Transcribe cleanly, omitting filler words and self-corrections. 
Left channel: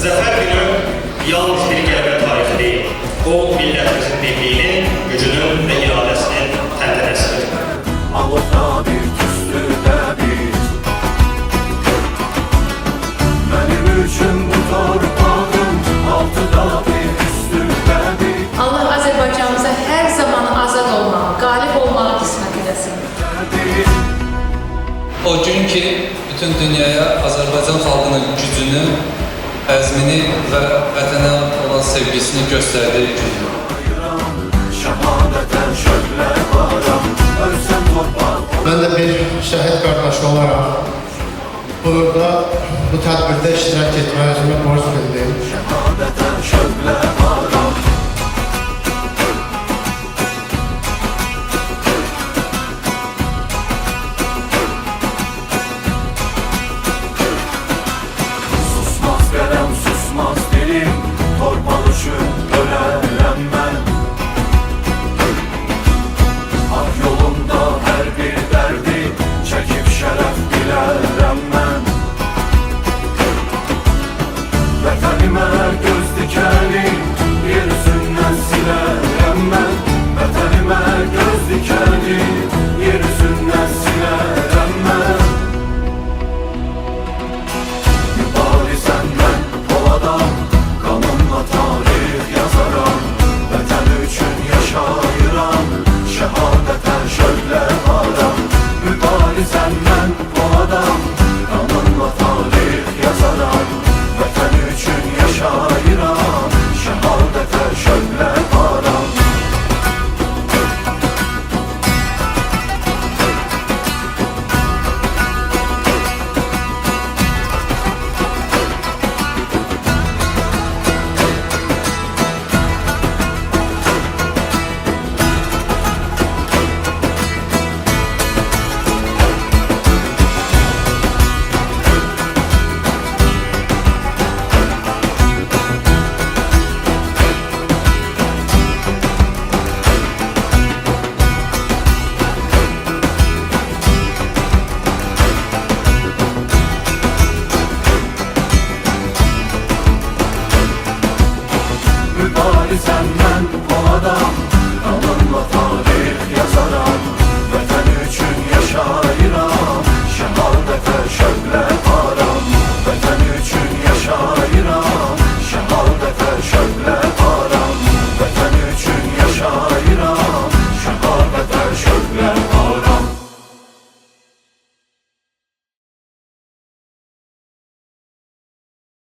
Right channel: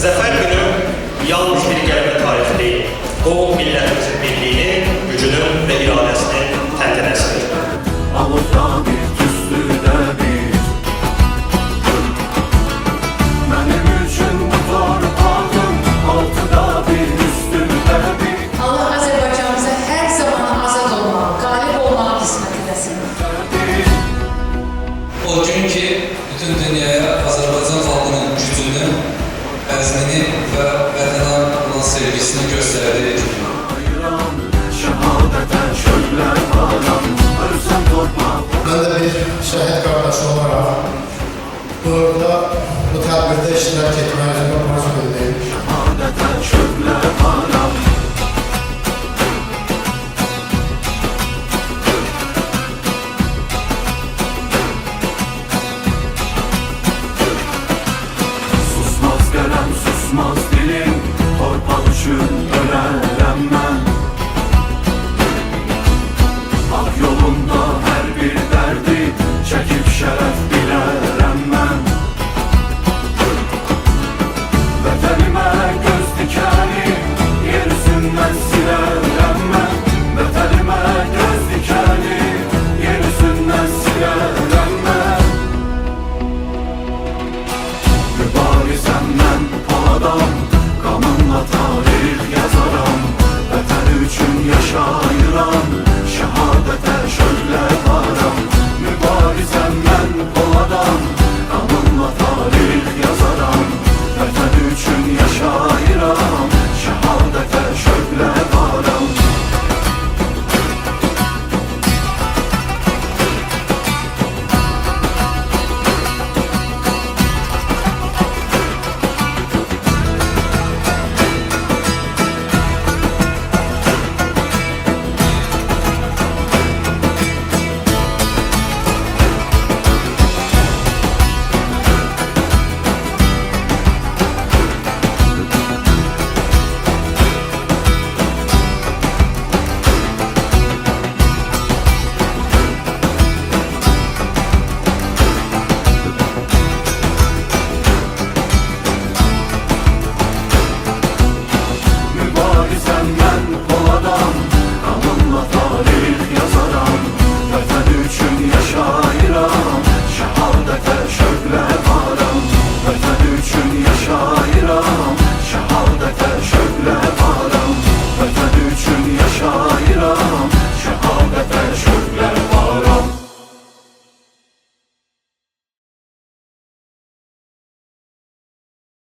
Zəfər günü yalnız bir qələbə tarihi deyil. O, millətimizin birliyinin, gücünün və iradəsinin təntənəsidir. Alıqda bir, tüstüdə bir, mənim üçün bu torpağın altıda bir, üstündə bir. Allah Azərbaycanımıza hər zaman azad olmağı, qalib olmağı qismət edəsin. O gün ki, bütün dünyaya Azərbaycan xalqının gücünü, əzmini və vətənə olan sevgisini göstərdiyi gün. Şəhadətən şövlər varam, ölsən torpaq. Ben de bir şehit kardeş olarak burada bu tədbirdə iştirak etməyə özümə borc